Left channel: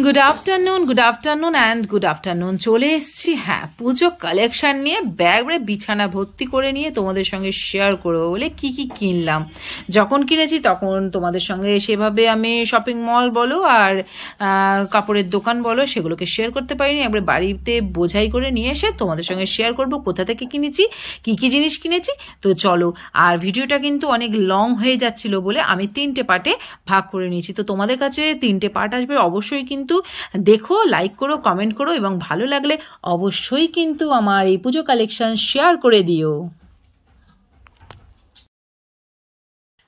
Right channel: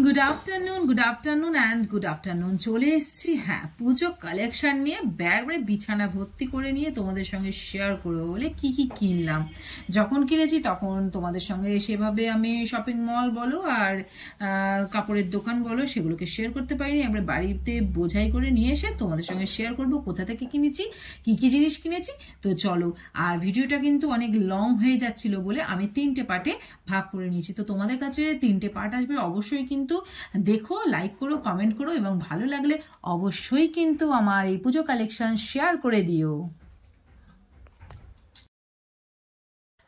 Good afternoon চলে এসেছি। হ্যাঁ, পুজো কালেকশন নিয়ে ব্যাগরে বিছানা ভর্তি করে নিয়ে তোমাদের সঙ্গে শেয়ার করবো বলে কি কি কিনলাম। যখন কিনেছি তখন তোমাদের সঙ্গে সেভাবে আমি শপিং মল বলো আর কাপড়ের দোকান বলো সেগুলোকে শেয়ার করতে পারিনি। একবার বাড়িতে বোঝাই করে নিয়ে এসে তোমাদের সঙ্গে শেয়ার করব কোথা থেকে কিনেছি, কি কি জিনিস কিনেছি। তো চলো, আর ভিডিওটা কিন্তু অনেক লং হয়ে যাচ্ছিল বলে আমি 3টে পার্টে ভাগ করে নিয়েছি। তো তোমাদের কাছে 3টে পার্ট আসবে, অবশ্যই কিন্তু দেখো, লাইক করো, কমেন্ট করো এবং ভালো লাগলে অবশ্যই কিন্তু আমার এই পুজো কালেকশন শেয়ার করে দিও।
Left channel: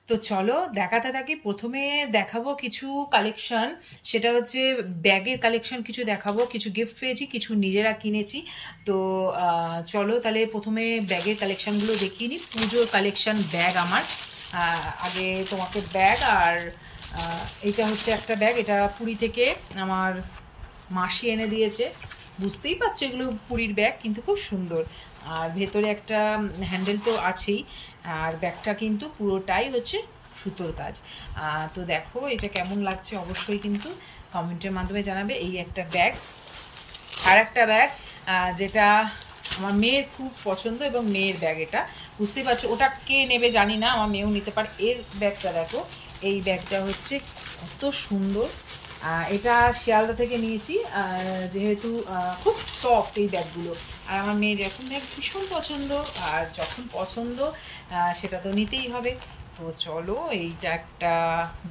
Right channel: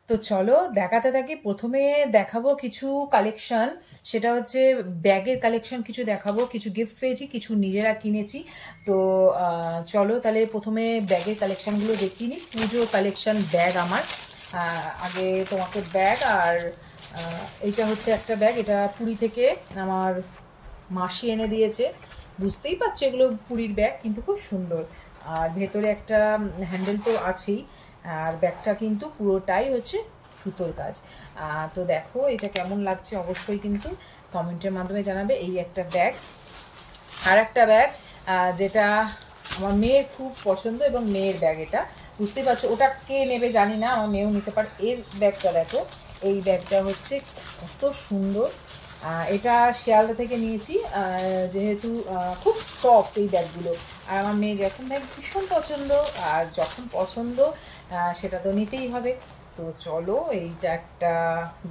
তো চলো দেখাতে থাকি। প্রথমে দেখাবো কিছু কালেকশন, সেটা হচ্ছে ব্যাগের কালেকশন কিছু দেখাবো। কিছু গিফট পেয়েছি, কিছু নিজেরা কিনেছি। তো চলো তাহলে প্রথমে ব্যাগের কালেকশনগুলো দেখিয়ে নিই। পুজোর কালেকশন ব্যাগ আমার। আগে তোমাকে ব্যাগ, আর এইটা হচ্ছে একটা ব্যাগ, এটা পুরী থেকে আমার মাসি এনে দিয়েছে। বুঝতেই পারছো এগুলো পুরীর ব্যাগ, কিন্তু খুব সুন্দর। আর ভেতরে একটা হ্যান্ডেল তো আছেই, আর ব্যাগটা কিন্তু পুরোটাই হচ্ছে সুতোর কাজ। তো দেখো এটা কেমন লাগছে অবশ্যই কিন্তু কমেন্টের মাধ্যমে জানাবে। এই একটা ব্যাগ। আর একটা ব্যাগ যেটা আমার মেয়ের খুব পছন্দ এবং মেয়ের ব্যাগ, এটা বুঝতেই পারছো। ওটা কে নেবে জানি না, আমার মেয়েও নিতে পারে। এর ব্যাগটা দেখো, এই ব্যাগটা হচ্ছে কত সুন্দর। এটা শিয়ালদা থেকে নিয়েছি, যেহেতু খুব সফট এই ব্যাগগুলো। আর আমার মেয়ের এরকম ব্যাগ ভীষণ পছন্দ, আর যখন পছন্দ সেটা তো নিতেই হবে। তো চলো, এইটা একটা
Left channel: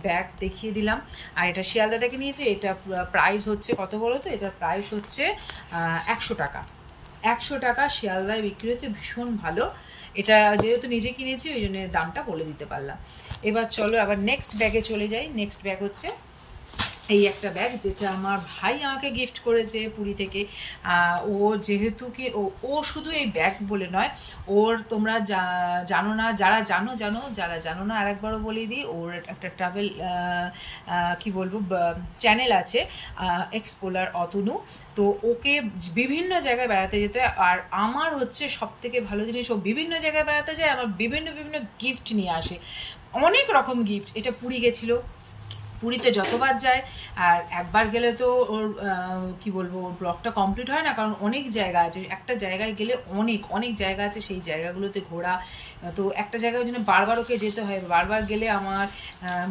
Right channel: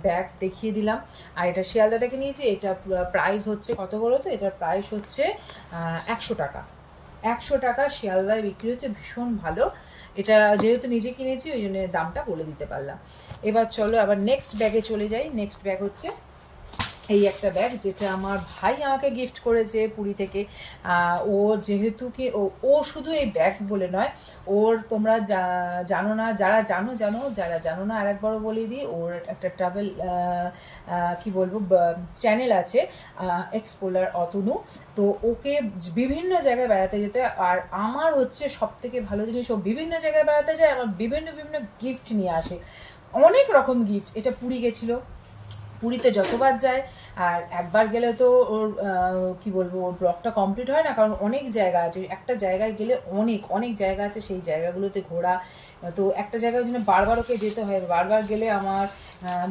ব্যাগ দেখিয়ে দিলাম। আর এটা শিয়ালদা থেকে নিয়েছি। এটা প্রাইস হচ্ছে কত বলো তো? এটার প্রাইস হচ্ছে 100 টাকা। 100 টাকা শিয়ালদায় বিক্রি হচ্ছে, ভীষণ ভালো। এটা যেহেতু নিজে কিনেছি ওই জন্য দামটা বলে দিতে পারলাম। এবার চলো আবার নেক্সট ব্যাগে চলে যাই। নেক্সট ব্যাগ হচ্ছে এই একটা ব্যাগ, যেটা আমার ভাই আমাকে গিফট করেছে পুরী থেকে। ও যেহেতু কি ও শুধু এই ব্যাগ বলে নয়, ওর তোমরা জানো না, যারা জানো জানো, যারা জানো না আরেকবারও বলে দিই, ওর একটা ট্রাভেল কি বলবো চ্যানেল আছে, এক্সপ্লোরার অতনু। তো ওকে বিভিন্ন জায়গায় বেড়াতে যেতে হয়, আর আমার হচ্ছে সব থেকে ভালো জিনিস, ও বিভিন্ন জায়গায় বেড়াতে যায়, আমার বিভিন্ন বিভিন্ন গিফট নিয়ে আসে, অনেক রকম গিফট। এটা পুরী গেছিলো, পুরীতে যতবার যায়, আর একবার গেলে তো ওর কি বলবো, ওর ব্লগটা কমপ্লিট হয় না, কারণ অনেক জায়গা আছে। একটা জায়গায় গেলে অনেক অনেক জায়গা আছে, সেই জায়গাগুলোতে ঘোরা। তো একটা জায়গায় ওই জন্য বারবার ওকে যেতে হয়। বারবার গেলে আমার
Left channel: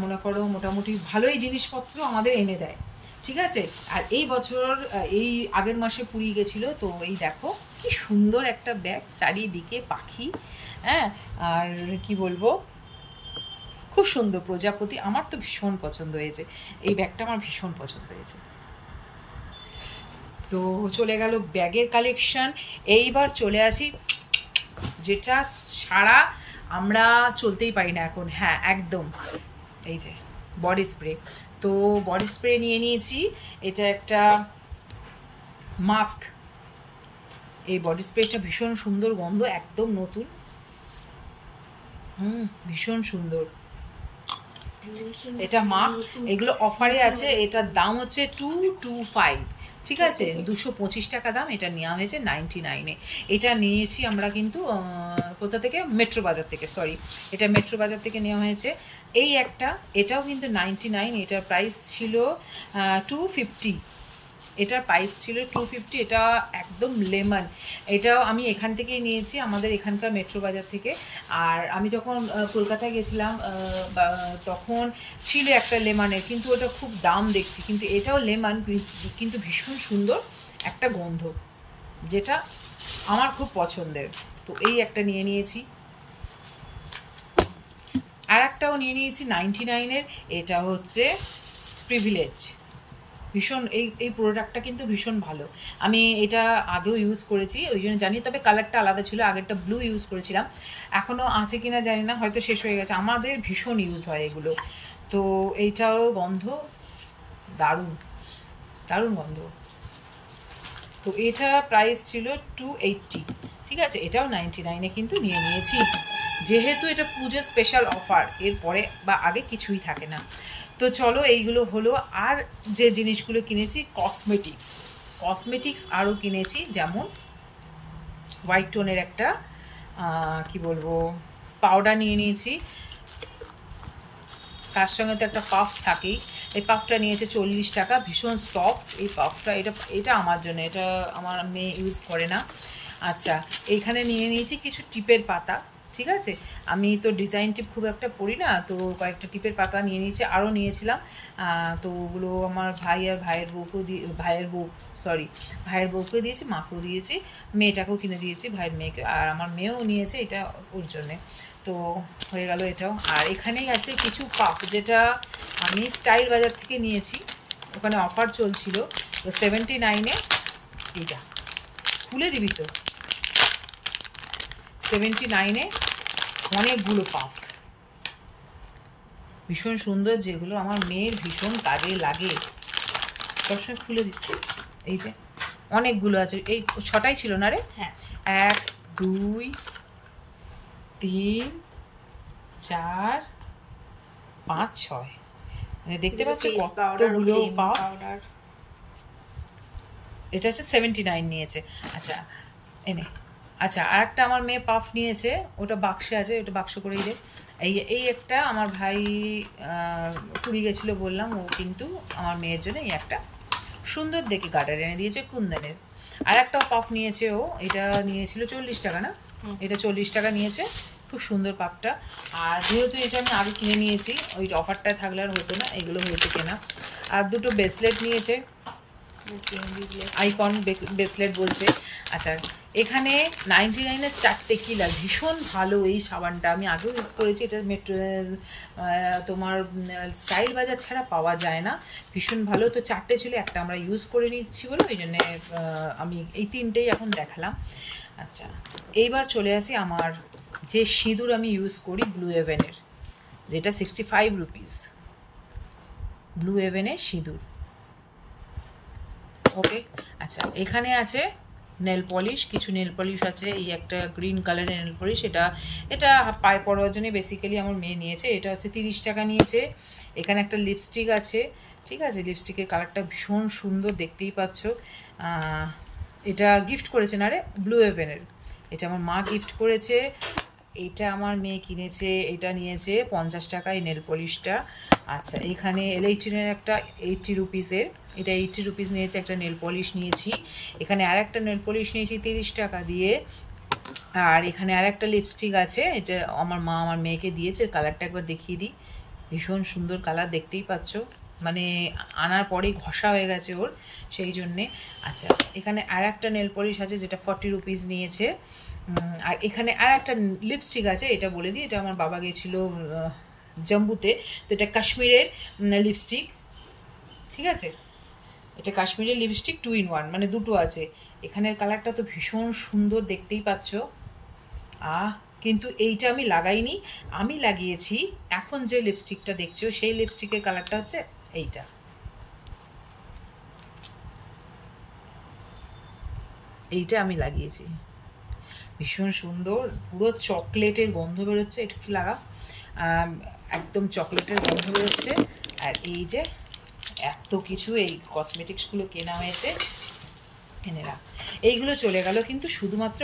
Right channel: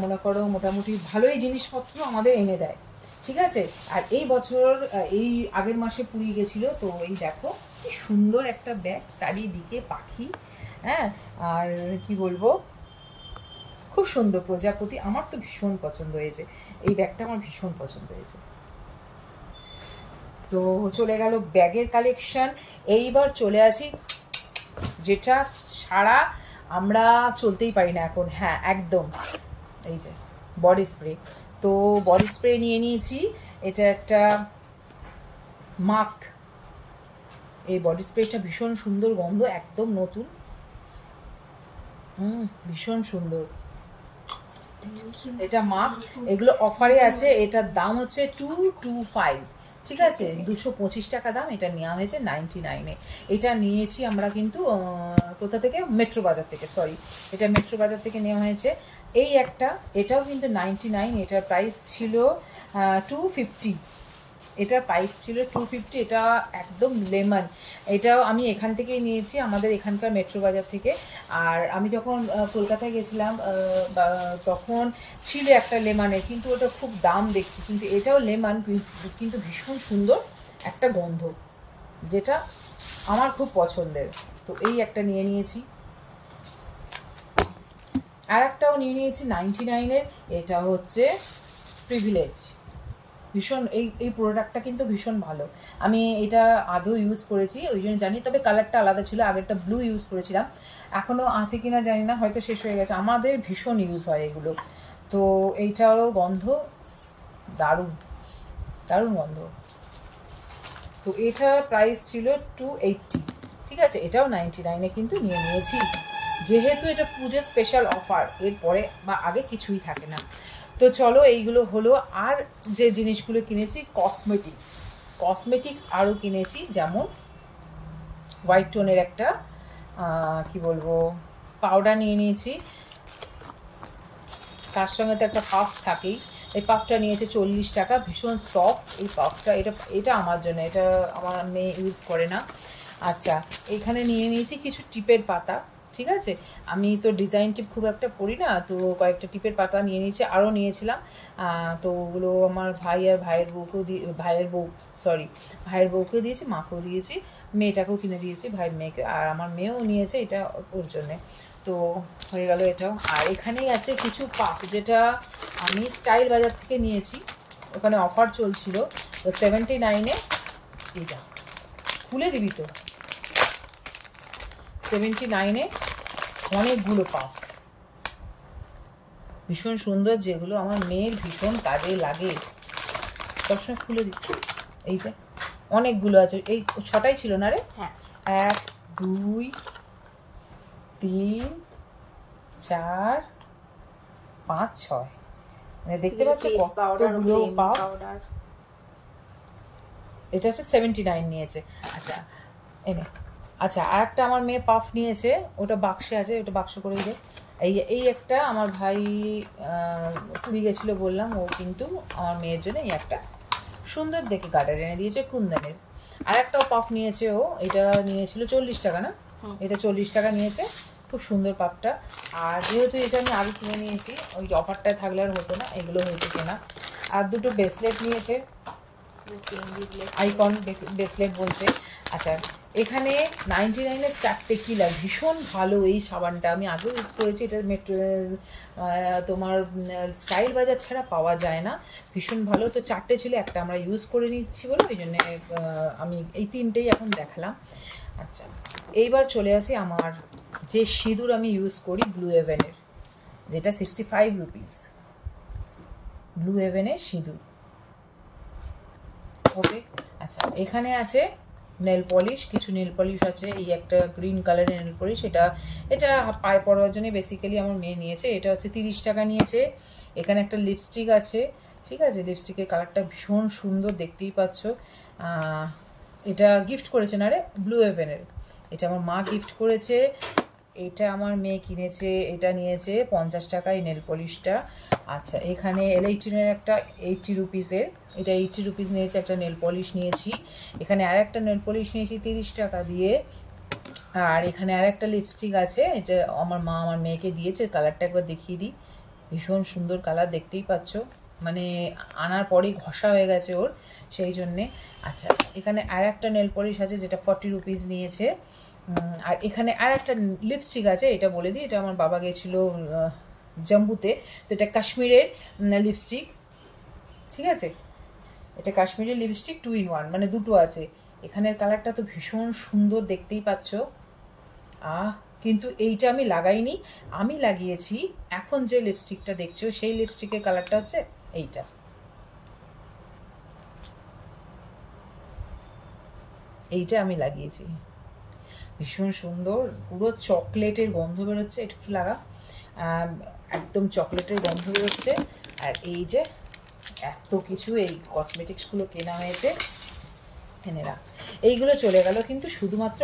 মনে করো মোটামুটি ভালোই জিনিসপত্র আমাদের এনে দেয়, ঠিক আছে। আর এই বছর এই আগের মাসে পুরী গেছিলো। তো এই দেখো কি সুন্দর একটা ব্যাগ, চারিদিকে পাখি। হ্যাঁ, আর কি বলবো, খুব সুন্দর প্রজাপতি। আমার তো ভীষণ পছন্দ হয়েছে এই ব্যাগটা, আমার ভীষণ পছন্দ হয়েছে। তো চলে গেল ব্যাগের কালেকশন। এইবার চলে আসি যেটা ছাড়া আমরা চলতেই পারি না এখন। হ্যাঁ একদম, এই যে বডি স্প্রে। তো বডি স্প্রে নিয়ে নিয়েছি। এটা একটা মাস্ক। এই বডি স্প্রেটা ভীষণ সুন্দর, গন্ধ একদম নতুন। ভীষণ সুন্দর। এটা মাস্ক, এগুলো অফারে আছে। এটার দাম হচ্ছে 225, ঠিক আছে, 225 টাকা দাম। এটা নেওয়া হয়েছে 99-এ। এটা নিয়েছি আমরা কিন্তু কোথা থেকে, মেট্রো বাজার থেকে, সরি, এটা মেট্রো বাজার থেকে নেওয়া হয়েছে। এই একটা, এটাও কিন্তু 99, এটার প্রাইস ছিল 250। এটার প্রাইস ছিল 250। এটা একদম লেমন। এটাও আমি এখান থেকেই নিয়েছি, আমাদের এখানকার মেট্রো বাজার থেকে। আর আমি যখন কলকাতায় গেছিলাম তখন ছিল একটা লেমনের, কিন্তু ওটা খুব দাম দেখছি। কিন্তু এটাও লেমন, কিন্তু ভীষণ সুন্দর একটা গন্ধ, যেটা আমার খুব পছন্দের। তো এই একটা নিয়ে নিয়েছি। আর একটাও নিয়ে নিয়েছি 99-এর, এটা হচ্ছে প্রিভিলেজ। ভীষণ এই প্রোডাক্টটা কিন্তু ভীষণ ভালো। আমি এটা আগেও ইউজ করেছি, ওই জন্য জানি। তবে কালারটা আলাদা ছিল, আগেরটা ব্লু ইউজ করেছিলাম। এখনও আছে কিনা জানি না, হয়তো শেষ হয়ে গেছে। আমাদের ভীষণ ইউজ হয় এগুলো। তো এইটাও গন্ধ দারুণ, দারুণ গন্ধ। তো এটা প্রাইস ছিল 280, ঠিক আছে। এটাও 99-এ কিন্তু নিয়ে নিয়েছি, যেহেতু এটা পুজো স্পেশাল অফার, এরপরে বা আগে কিছুই থাকে না। তো চলো, এইগুলো হলো। আর যে জিনিসগুলো কিনেছি, কসমেটিক্স আরও কিনেছি, যেমন হোয়াইট টোনের একটা কি বলবো পাউডার নিয়ে নিয়েছি। তার সঙ্গে তো একটা পাফ থাকেই। এই পাফটা নিয়েছে 40 টাকা, ভীষণ সফট এই পাফটা। এটা আমার জন্য, এটা আমার মেয়ে ইউজ করে না। আচ্ছা, এখানে নিয়ে নিয়েছি কিছু টিপের পাতা, ঠিক আছে। আমি তো ডিজাইন টিপ খুব একটা পড়ি না, তো কয়েকটা টিপের পাতা নিয়ে নিয়েছি, আরও নিয়েছিলাম। তো ওগুলো আমার ভাই আর ভাইয়ের বউকে দিয়েছি, মাকেও দিয়েছি, মেয়েটাকেও কিনে দিয়েছি, ভাইয়ের মেয়েকে, আর আমার মেয়েও নিয়েছে এটা ওর জন্যে। তো হয়ে গেল এটাও। আর এখানেই আছে কিছু পাফ, যেটা আমি স্টাইল বাজার থেকে নিয়েছি, ওখানে অফার চলছিল। তো 79-এ এইটা খুলে দিবি তো, 79-এ অনেকগুলো পাফ, ভীষণ সুন্দর, যেগুলো আমার মেয়ের ভীষণ কাজে লাগে, সবসময় খুলে দিচ্ছে। এই যে অনেকগুলো আছে, এই 6টাই ছিল না রে? হ্যাঁ, 1 2 3 4 5 6, মানে দেখতে পাচ্ছ কতগুলো পাফ। এটা হচ্ছে 79 নিয়েছে। আচ্ছা এনে, আচ্ছা আর একটা আমার মেয়ে পাফ নিয়েছে, ওটা বাক্সে আছে, ওটা বাক্স করেই দে। এই একটা আমার ভাই পুরী গেছিলো বললাম, ও কিন্তু আমার মেয়ের জন্য এই একটা সুন্দর দেখে গার্ডার এনে দিয়েছে কুন্দনের। আর একটাও পাফ নিয়েছে ও, এটা নিয়েছিল 40 টাকা না, এটা 40 টাকা নিয়েছে, খুব সুন্দর পাফটা। আর যেহেতু এটা আমি আগে কিনে নিয়েছি, ওই অফারটায় থাকলে আর হতো না, এগুলো হয়েছে কেনা। আর দুটো ব্রেসলেট নিয়েছে, আইকন ব্রেসলেট বলছে। আচ্ছা, এখানে 99-এর 4টে কিলার, ভীষণ ভালো এই সাবানটা, আমি আগেও ইউজ করেছি, এটা তোমার স্টাইল বাজার ছাড়া পাওয়া যায় না, ভীষণ ভালো। তো 4টে ছিল, একটা আমরা ইউজ করে নিচ্ছি বলে ওই জন্যে আমি এই 3টেই এখন দেখালাম। আচ্ছা, এইবার চলে আসি আমার যে সিঁদুর আমি ইউজ করি ব্লু হেভেনের, যেটা 65 রুপিস, ব্লু হেভেনের সিঁদুর। ওকে, আচ্ছা এখানে আছে নেল পলিশ, কিছু নেল পলিশ আছে, এই একটা গ্রিন কালারের নেল পলিশ, এটা পায়ে পড়ার জন্য বেসিক্যালি আমার মেয়ে নিয়েছে, এটা হচ্ছে 30 টাকা নিয়েছে। এখানে একটা লিপস্টিক আছে, ঠিক আছে, লিপস্টিকের কালারটা ভীষণ সুন্দর, দেখতেই পাচ্ছ। এটা গিফট করেছে না রে, ব্লু হেভেনের, এটা আমার মা গিফট করেছে, এটা আমার মেয়ে কিনেছে, এটা নিয়েছে 50 টাকায় নেল পলিশটা। আচ্ছা, এখানে L18-এর একটা 80 রুপিসের, এটা 80 রুপিস নিয়েছে, একটা নেল পলিশ নিয়েছি। এখানে আর একটা নেল পলিশ নিয়েছি 30 টাকা দিয়ে। আর এখানে আর একটা লিপস্টিক আছে, এটা আমার মা আমার মেয়েকে দিয়েছে, কালারটা একবার দেখিয়ে দিই, ভীষণ সুন্দর কালার, দেখতেই পাচ্ছ, মানে আনার পরেই ঘষা হয়ে গেছে ওর, সেই জন্যে। আচ্ছা, এখানে আর একটা নেল পলিশ আছে, যেটা 40 রুপিস নিয়েছে। আর এখানে আর একটা লিপস্টিক আছে, এটা বলে দিই, এটা আমার বাবা গেছিলো জম্বুতে, তো এটা কাশ্মীরের লিপস্টিক, ঠিক আছে, এটা কাশ্মীরের লিপস্টিক 2 in 1, মানে দুটো আছে। এখানের কালারটা তো ভীষণ সুন্দর, দেখতেই পাচ্ছ। কিন্তু এইটা আমি লাগাইনি, আমি লাগিয়েছি এখন যে লিপস্টিকটা দেখছো, সেই লিপস্টিকের কালারটা হচ্ছে এইটা, এইটা আমি লাগিয়েছি, ভীষণ সুন্দর, পুরো চকলেটের গন্ধ বেরোচ্ছে, একটু লাগা, একদম চকলেটের গন্ধ বেরোচ্ছে। আর এই যে এত কিছু এই কসমেটিক্সগুলো কেনা হয়েছে, এনেরা এইগুলো চলে গেল কিন্তু শুধুমাত্র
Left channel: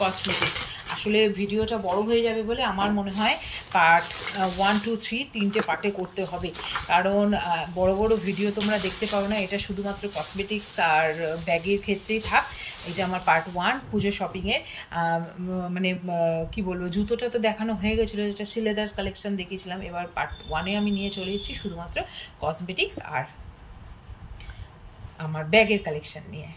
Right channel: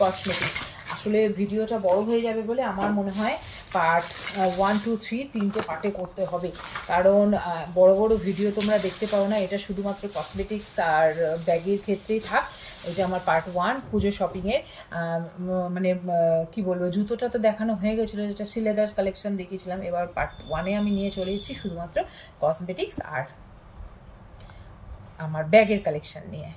কসমেটিক্স। আসলে ভিডিওটা বড় হয়ে যাবে বলে আমার মনে হয় পার্ট 1 2 3 3টে পার্টে করতে হবে, কারণ বড় বড় ভিডিও তোমরা দেখতে পারো না, এটা শুধুমাত্র কসমেটিক্স আর ব্যাগের ক্ষেত্রেই থাক। এটা আমার পার্ট 1 পুজো শপিংয়ের, মানে কি বলবো, জুতোটা তো দেখানো হয়ে গেছিলো, যেটা সিলেদার্স কালেকশন দেখিয়েছিলাম, এবার পার্ট 1-এ আমি নিয়ে চলে এসেছি শুধুমাত্র কসমেটিক্স আর আমার ব্যাগের কালেকশন নিয়ে।